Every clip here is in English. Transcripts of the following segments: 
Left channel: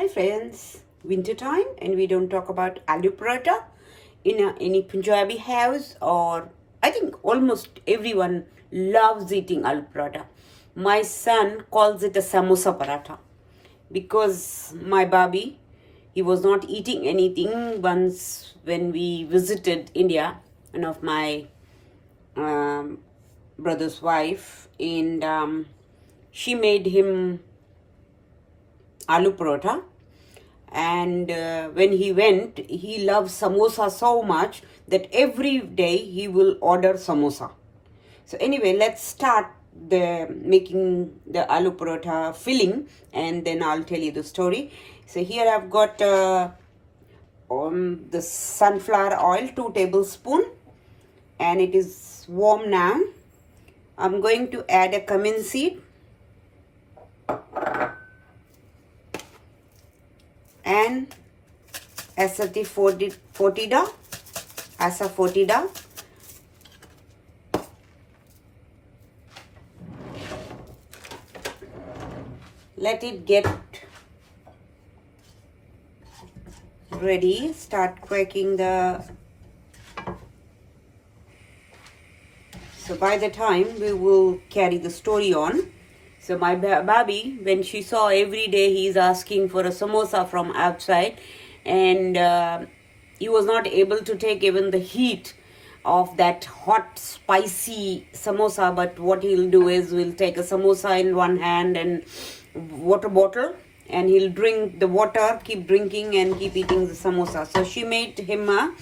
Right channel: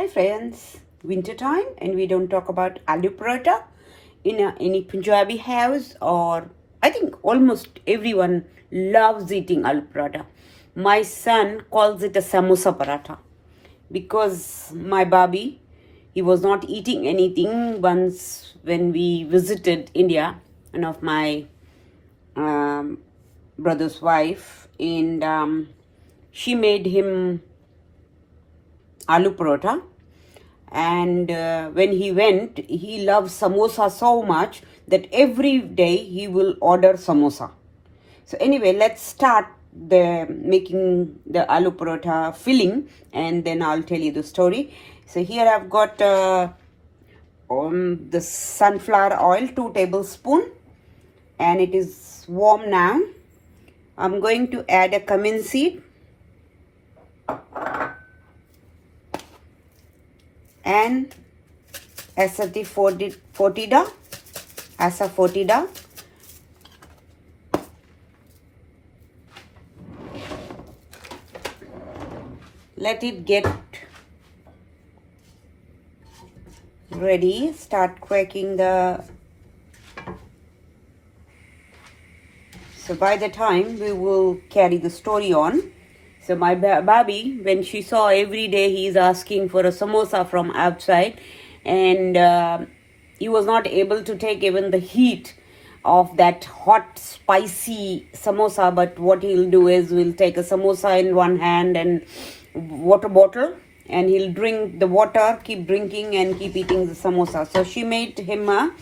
Hi friends, winter time and we don't talk about aloo paratha in any Punjabi house, or I think almost everyone loves eating aloo paratha. My son calls it a samosa paratha because my baby, he was not eating anything once when we visited India, one of my brother's wife, and she made him aloo paratha. And when he went, he loves samosa so much that every day he will order samosa. So anyway, let's start the making the aloo paratha filling, and then I'll tell you the story. So here I've got the sunflower oil, 2 tablespoons, and it is warm now. I'm going to add a cumin seed and asafoetida. Let it get ready. Start cracking the. So by the time we will carry the story on. So my baby, when she saw every day he is asking for a samosa from outside, and he was not able to take even the heat of that hot spicy samosa, but what he'll do is we'll take a samosa in one hand and water bottle, and he'll drink the water, keep drinking and keep eating the samosa. So she made him a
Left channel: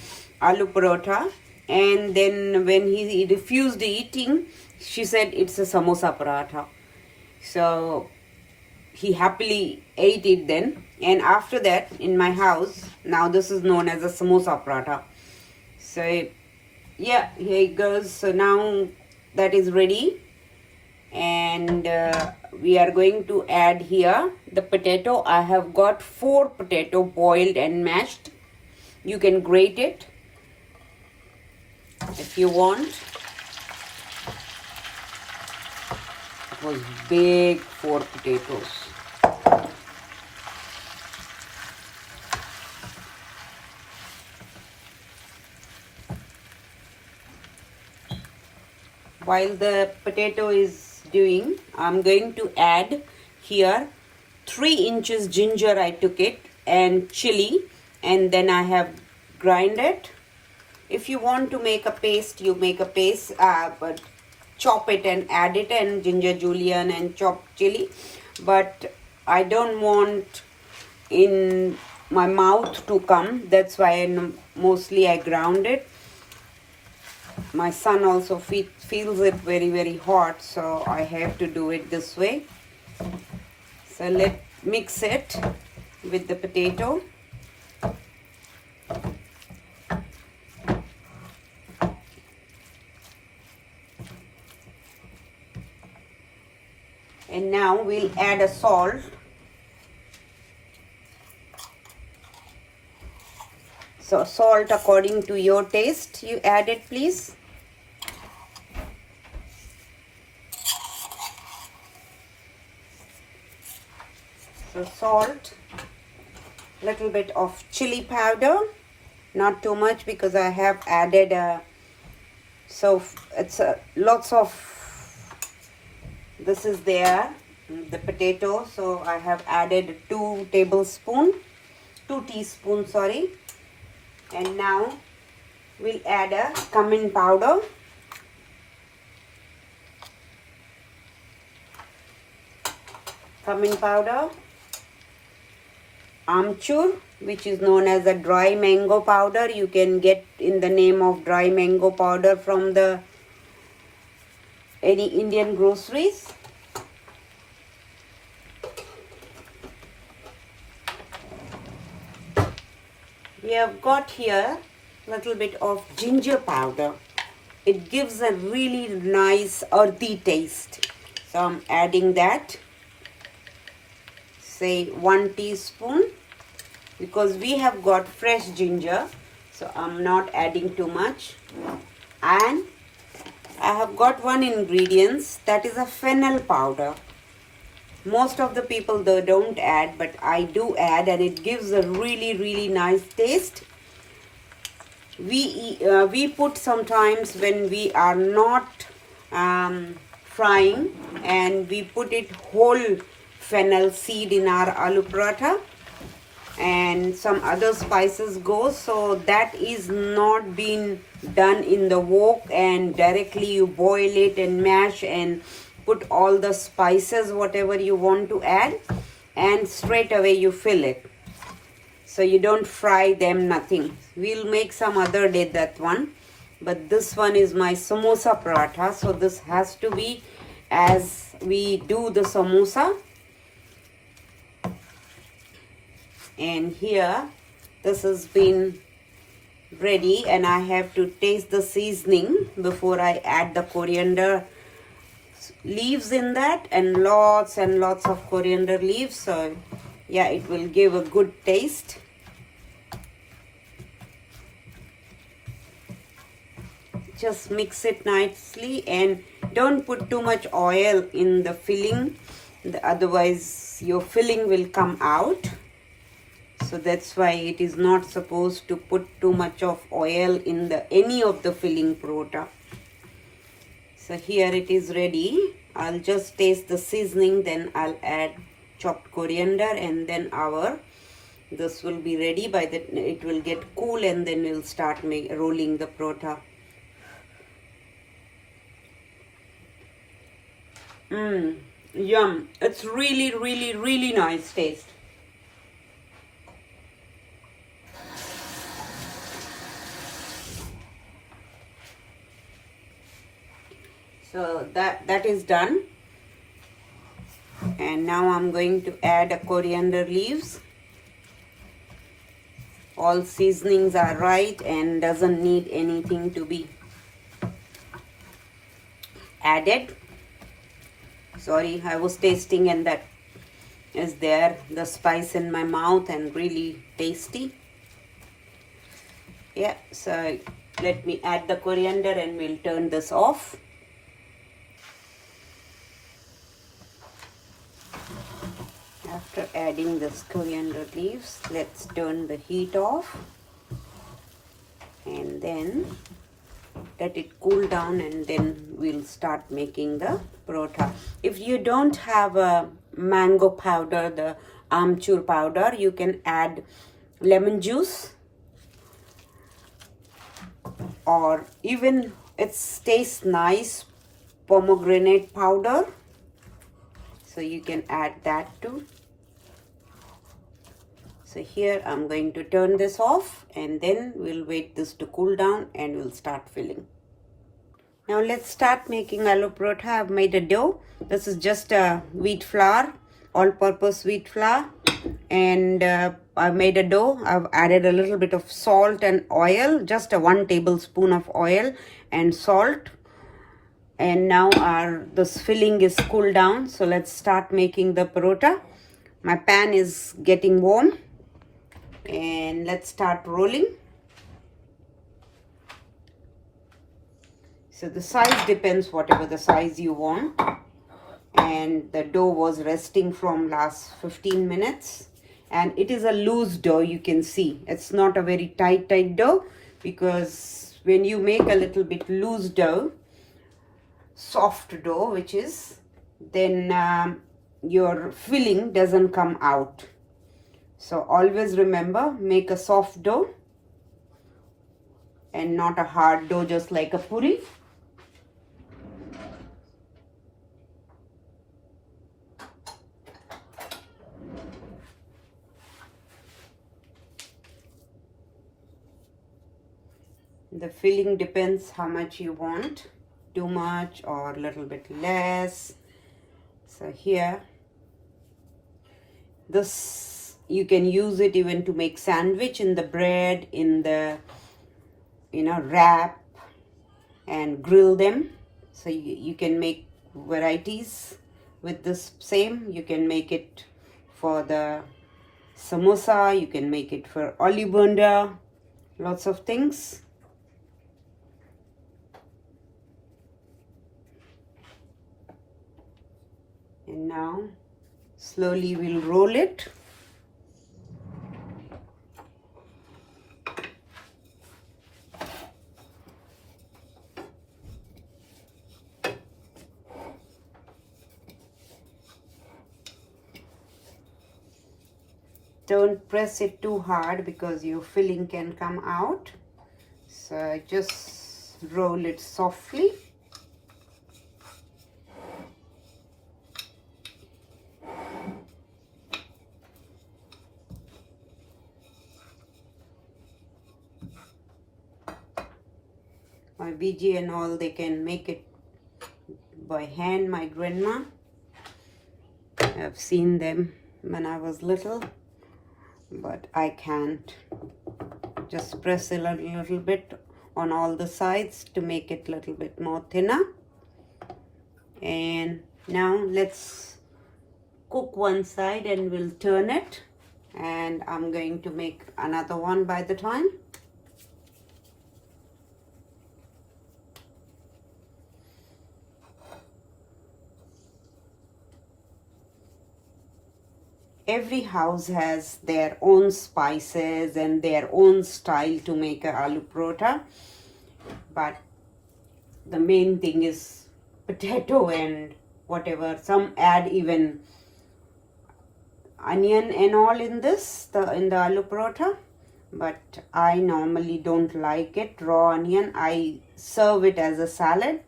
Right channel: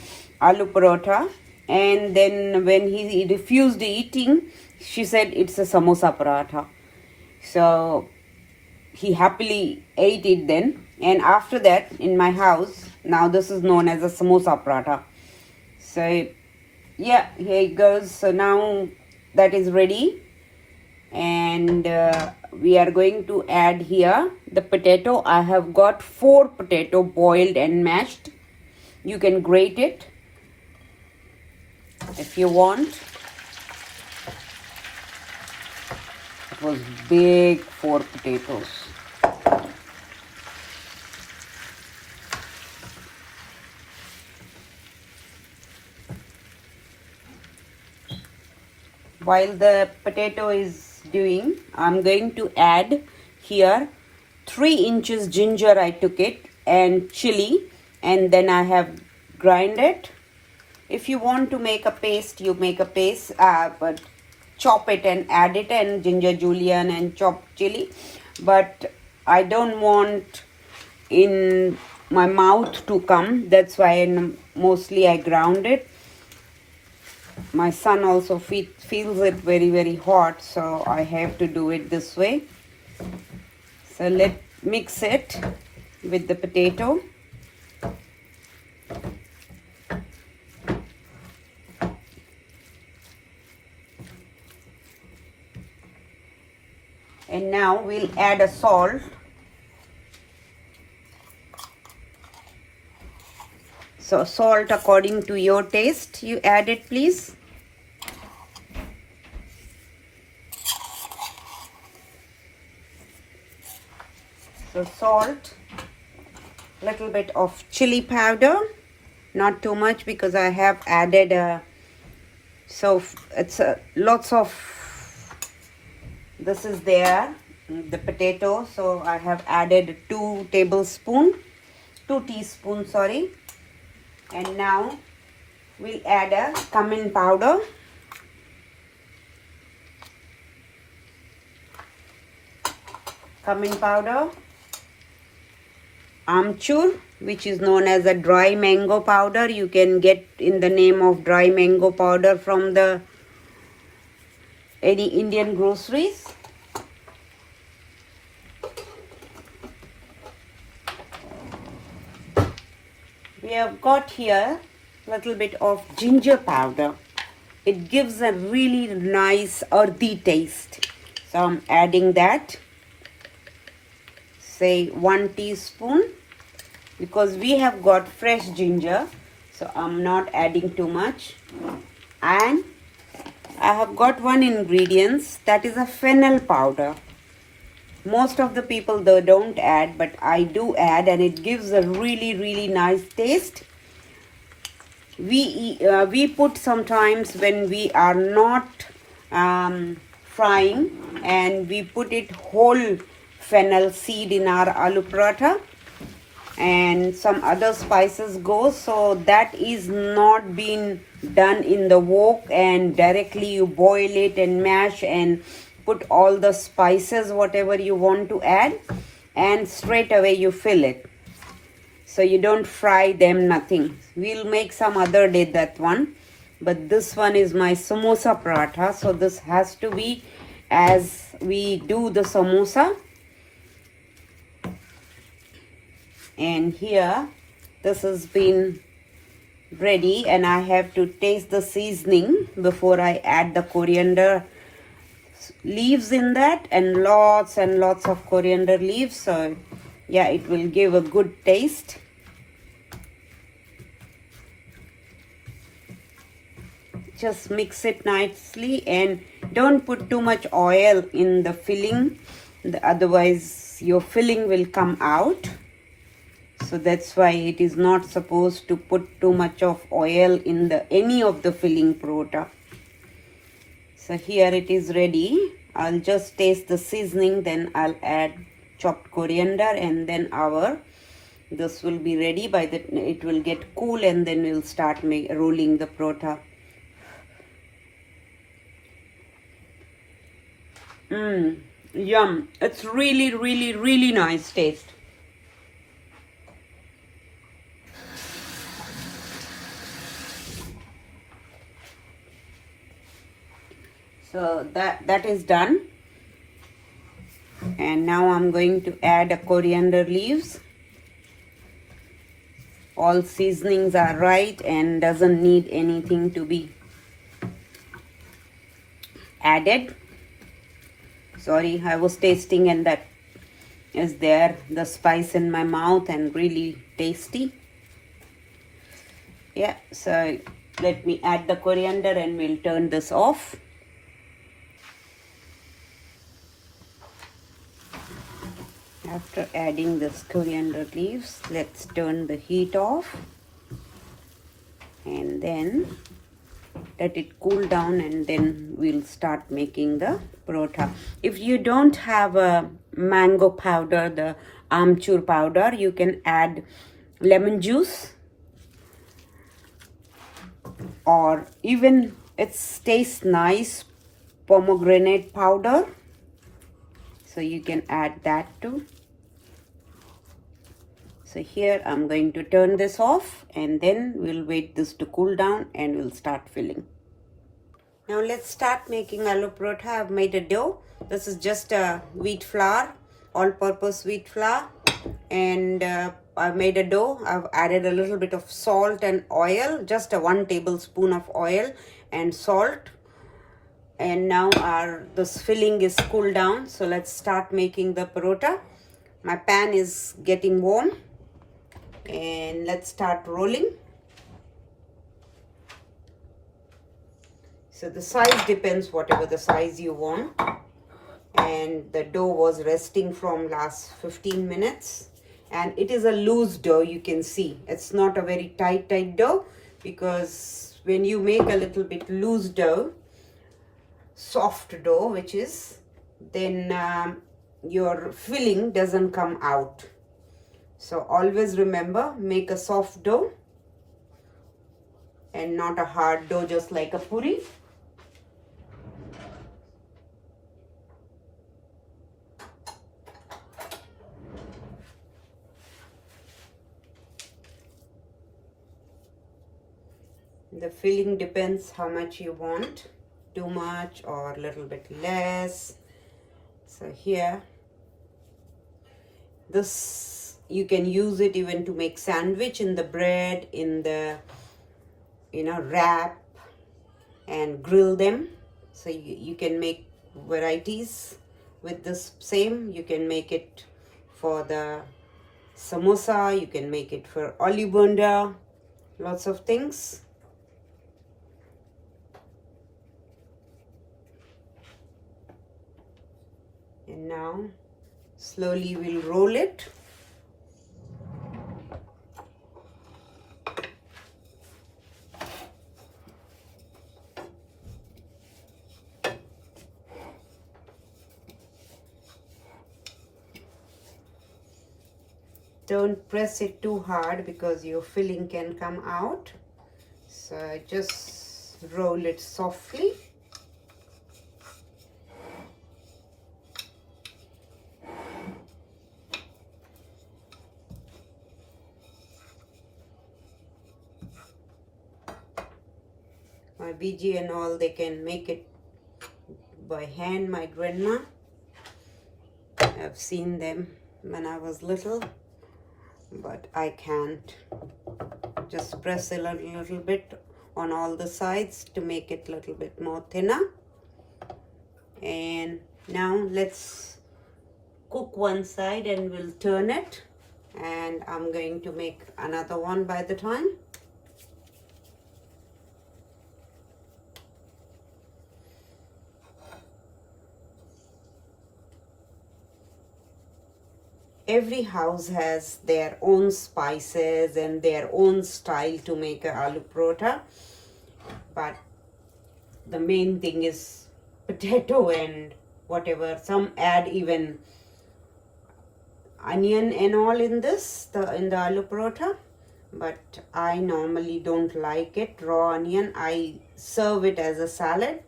aloo paratha, and then when he refused eating, she said it's a samosa paratha. So he happily ate it then, and after that in my house now this is known as a samosa paratha. So yeah, here it goes. So now that is ready, and we are going to add here the potato. I have got 4 potato boiled and mashed. You can grate it if you want. It was big 4 potatoes. While the potato is doing, I'm going to add here 3 inches ginger. I took it, and chilli, and then I have grind it. If you want to make a paste, you make a paste, but chop it and add it, and ginger julienne and chopped chili. But I don't want in my mouth to come, that's why mostly I ground it. My son also feels it very hot, so I have to do it this way. So let's mix it with the potato. And now we'll add a salt. So salt according to your taste, you add it please. So salt, little bit of chili powder, not too much because I have added so it's lots of this is there, the potato, so I have added 2 teaspoons, sorry. And now we'll add a cumin powder, amchur, which is known as a dry mango powder. You can get in the name of dry mango powder from the any Indian groceries. We have got here a little bit of ginger powder. It gives a really nice earthy taste. So I'm adding that, say 1 teaspoon, because we have got fresh ginger, so I'm not adding too much. And I have got one ingredient, that is a fennel powder. Most of the people though don't add, but I do add, and it gives a really nice taste. We put sometimes when we are not frying, and we put it whole fennel seed in our aloo paratha, and some other spices go, so that is not being done in the wok, and directly you boil it and mash and put all the spices whatever you want to add, and straight away you fill it. So you don't fry them, nothing. We'll make some other day that one, but this one is my samosa paratha. So this has to be as we do the samosa. And here this has been ready, and I have to taste the seasoning before I add the coriander leaves in that, and lots of coriander leaves. So yeah, it will give a good taste. Just mix it nicely, and don't put too much oil in the filling, otherwise your filling will come out. So that's why it is not supposed to put too much of oil in any of the filling paratha. So here it is ready. I'll just taste the seasoning, then I'll add chopped coriander, and then this will be ready. By that it will get cool, and then we'll start rolling the paratha. Yum. It's really nice taste. So that is done. And now I'm going to add a coriander leaves. All seasonings are right and doesn't need anything to be added. Sorry, I was tasting, and that is there, the spice in my mouth, and really tasty. Yeah, so let me add the coriander and we'll turn this off. After adding this coriander leaves, let's turn the heat off, and then let it cool down, and then we'll start making the paratha. If you don't have a mango powder, the amchur powder, you can add lemon juice, or even it tastes nice, pomegranate powder, so you can add that too. So here I'm going to turn this off, and then we'll wait this to cool down, and we'll start filling. Now let's start making aloo paratha. I've made a dough. This is just a wheat flour, all-purpose wheat flour, and I made a dough. I've added a little bit of salt and oil, just a 1 tablespoon of oil and salt. And now this filling is cooled down. So let's start making the paratha. My pan is getting warm, and let's start rolling. So the size depends, whatever the size you want. And the dough was resting from last 15 minutes. And it is a loose dough, you can see. It's not a very tight dough, because when you make a little bit loose dough, soft dough, which is, then your filling doesn't come out. So always remember, make a soft dough and not a hard dough, just like a puri. The filling depends how much you want, too much or a little bit less. So here, this, you can use it even to make sandwich in the bread, in the, wrap, and grill them. So you can make varieties with this same. You can make it for the samosa, you can make it for olive bunda, lots of things. And now Slowly we'll roll it. Don't press it too hard because your filling can come out. So just roll it softly. My BG and all, they can make it by hand, my grandma. I've seen them when I was little, but I can't. Just press a little bit on all the sides to make it a little bit more thinner. And now let's cook one side and we'll turn it. And I'm going to make another one by the time. Every house has their own spices and their own style to make a aloo paratha, but the main thing is potato and whatever. Some add even onion and all in this, in the aloo paratha, but I normally don't like it raw onion. I serve it as a salad.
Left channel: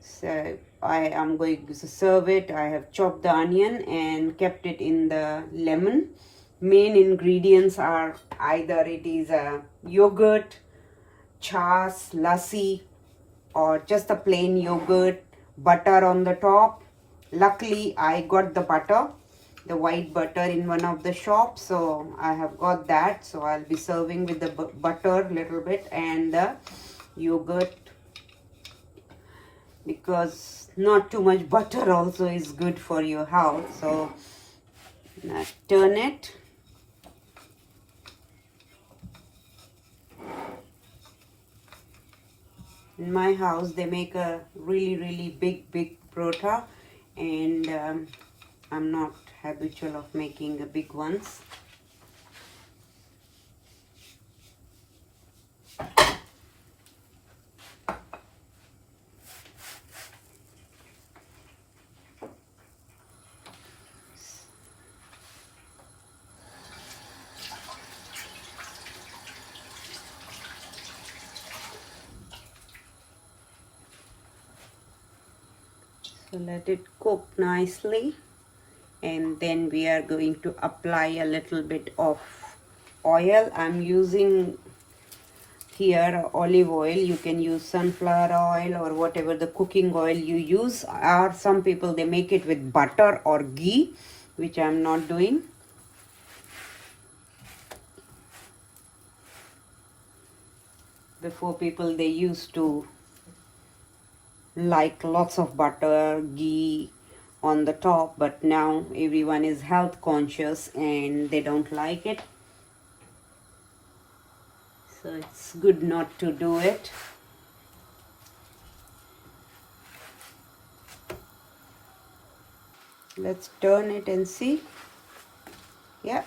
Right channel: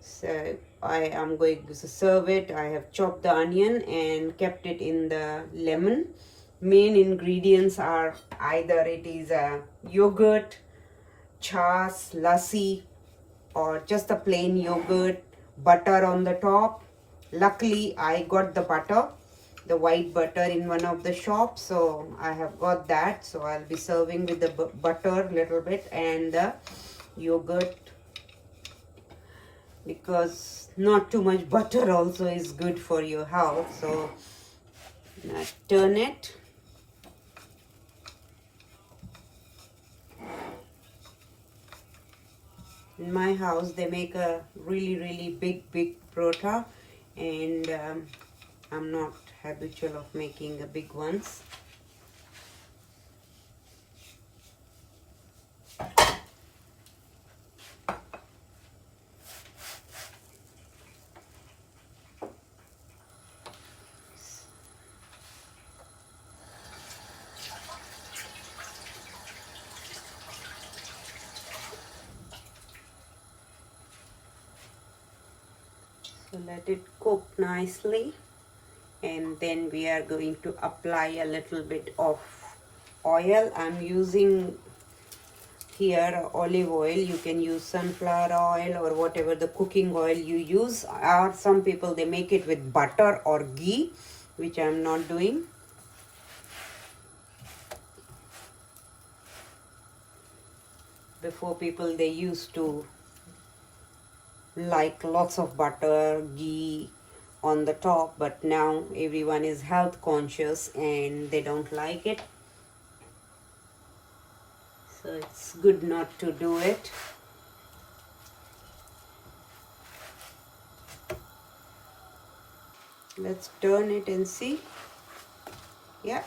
So I am going to serve it. I have chopped the onion and kept it in the lemon. Main ingredients are either it is a yogurt, chas, lassi, or just a plain yogurt, butter on the top. Luckily, I got the butter, the white butter in one of the shops, so I have got that. So I'll be serving with the butter a little bit and the yogurt, because not too much butter also is good for your health. So turn it. In my house they make a really big paratha, and I'm not habitual of making the big ones. So let it cook nicely, and then we are going to apply a little bit of oil. I'm using here olive oil. You can use sunflower oil or whatever the cooking oil you use, or some people they make it with butter or ghee, which I'm not doing. Before, people they used to like lots of butter, ghee on the top, but now everyone is health conscious and they don't like it. So it's good not to do it. Let's turn it and see. Yeah,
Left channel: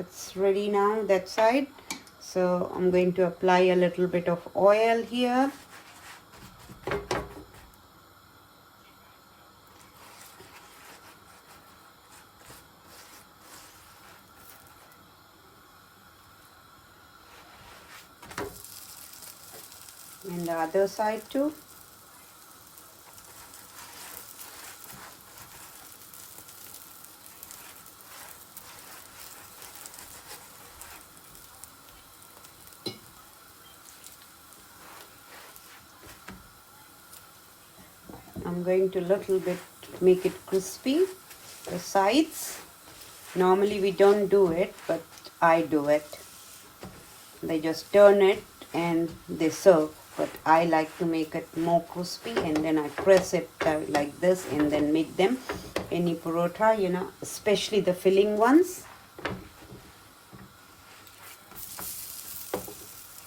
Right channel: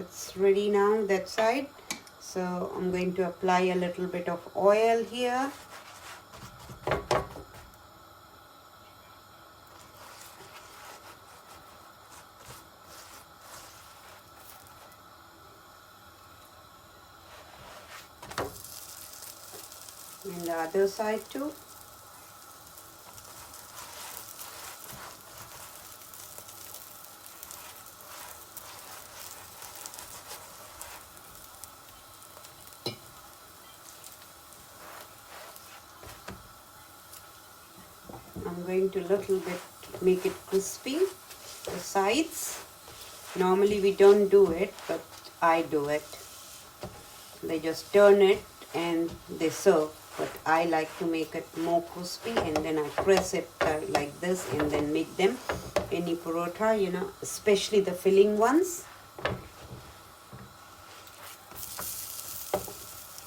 it's ready now, that side. So I'm going to apply a little bit of oil here. And the other side too. I'm going to little bit make it crispy, the sides. Normally we don't do it, but I do it. They just turn it and they serve, but I like to make it more crispy, and then I press it like this and then make them any paratha, you know, especially the filling ones.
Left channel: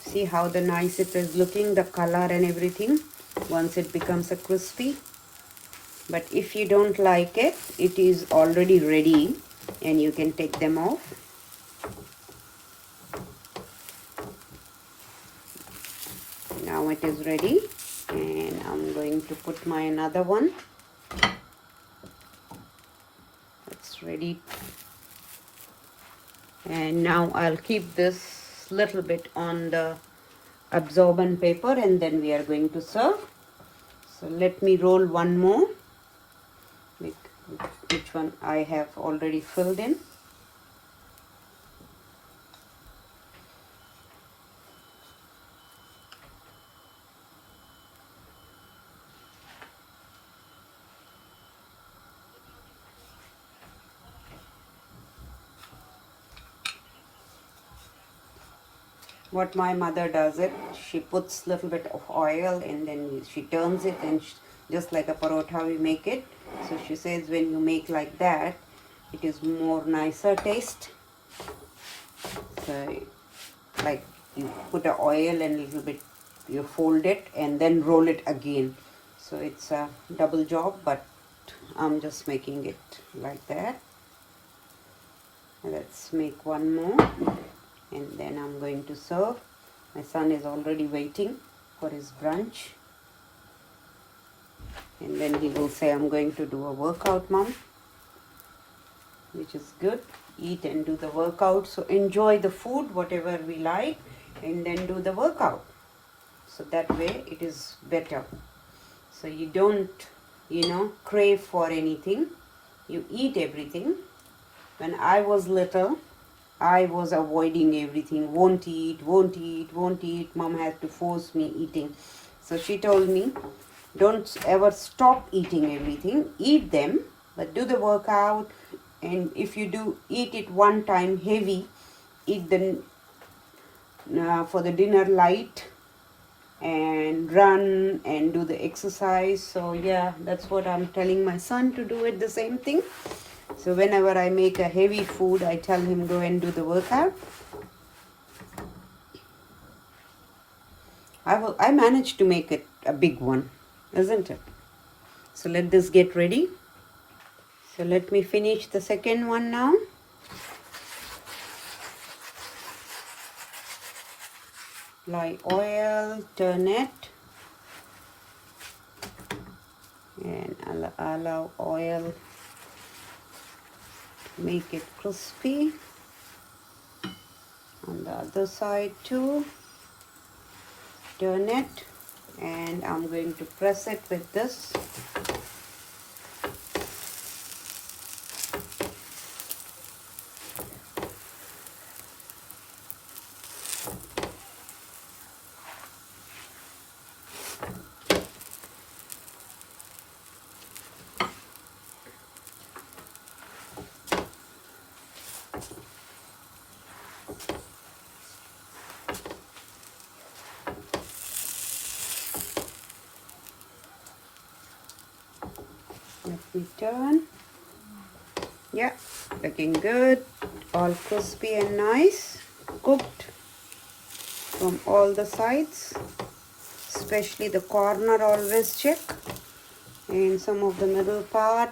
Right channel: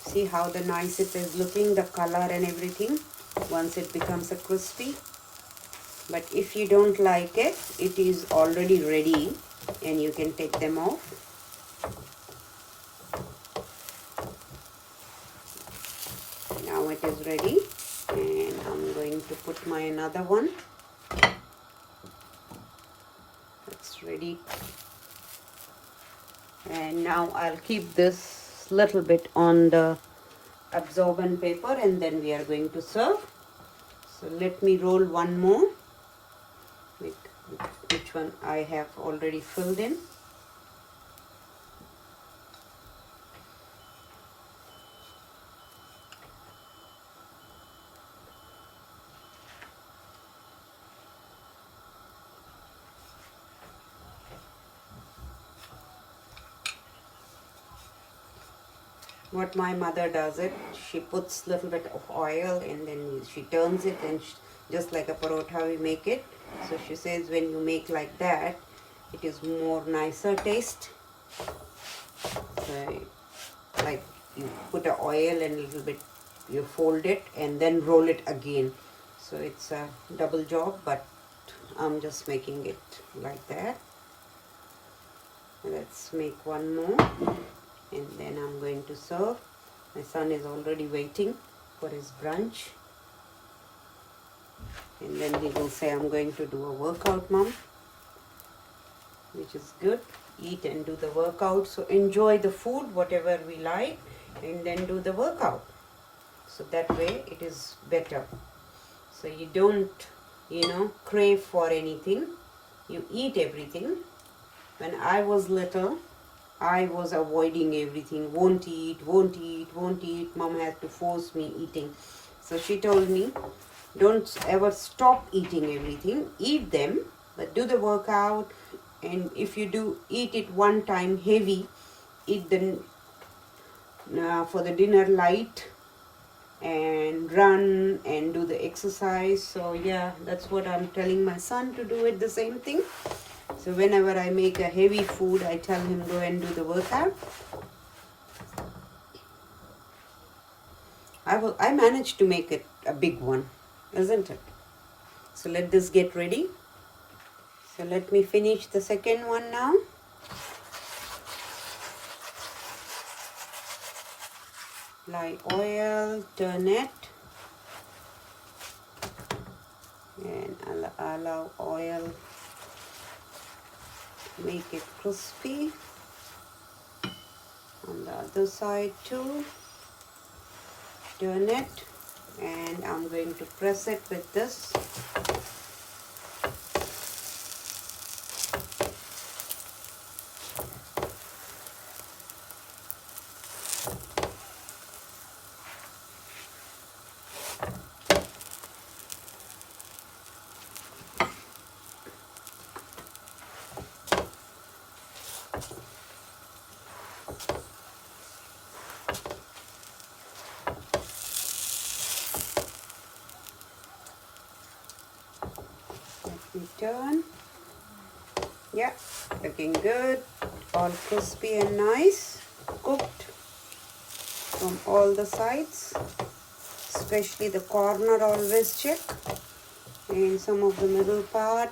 See how the nice it is looking, the color and everything, once it becomes a crispy. But if you don't like it, it is already ready and you can take them off. Now it is ready, and I'm going to put my another one. It's ready. And now I'll keep this little bit on the absorbent paper, and then we are going to serve. So let me roll one more, which one I have already filled in. What my mother does it, she puts little bit of oil and then she turns it, and just like a parotha we make it. So she says when you make like that, it is more nicer taste. So like you put a oil and a little bit, you fold it and then roll it again. So it's a double job, but I'm just making it like that. Let's make one more, and then I'm going to serve. My son is already waiting for his brunch, and then he will say, I'm going to do a workout, Mom, which is good. Eat and do the workout. So enjoy the food, whatever we like, and then do the workout. So that way it is better. So you don't, crave for anything. You eat everything. When I was little, I was avoiding everything. Won't eat, won't eat, won't eat. Mom had to force me eating. So she told me, don't ever stop eating everything. Eat them, but do the workout. And if you do eat it one time heavy, eat them for the dinner light, and run and do the exercise. So yeah, that's what I'm telling my son to do it, the same thing. So whenever I make a heavy food, I tell him go and do the workout. I managed to make it a big one, isn't it? So let this get ready. So let me finish the second one now. Apply oil, turn it, and allow oil, make it crispy. On the other side too, turn it, and I'm going to press it with this. We turn. Yeah, looking good. All crispy and nice. Cooked from all the sides. Especially the corner, always check. And some of the middle part.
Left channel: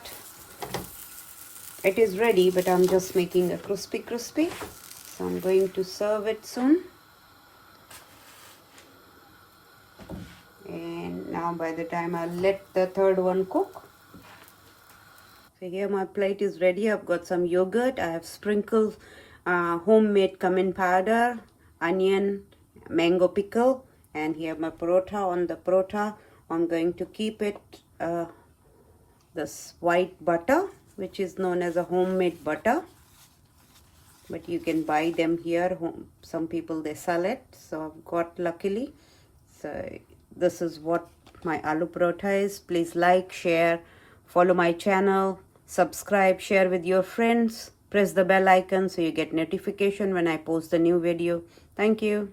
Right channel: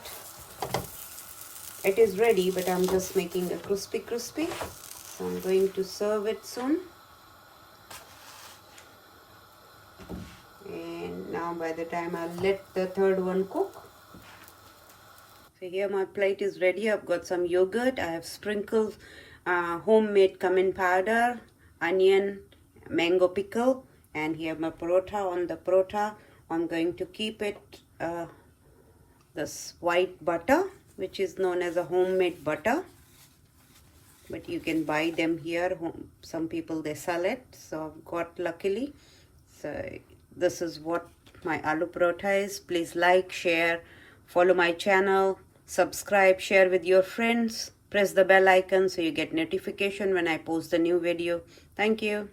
It is ready, but I'm just making a crispy. So I'm going to serve it soon. And now by the time I'll let the third one cook. So here my plate is ready. I've got some yogurt. I have sprinkled homemade cumin powder, onion, mango pickle, and here my parotha. On the parotha, I'm going to keep it this white butter, which is known as a homemade butter. But you can buy them here. Some people, they sell it. So I've got, luckily. So this is what my aloo paratha is. Please like, share, follow my channel, subscribe, share with your friends. Press the bell icon so you get notification when I post the new video. Thank you.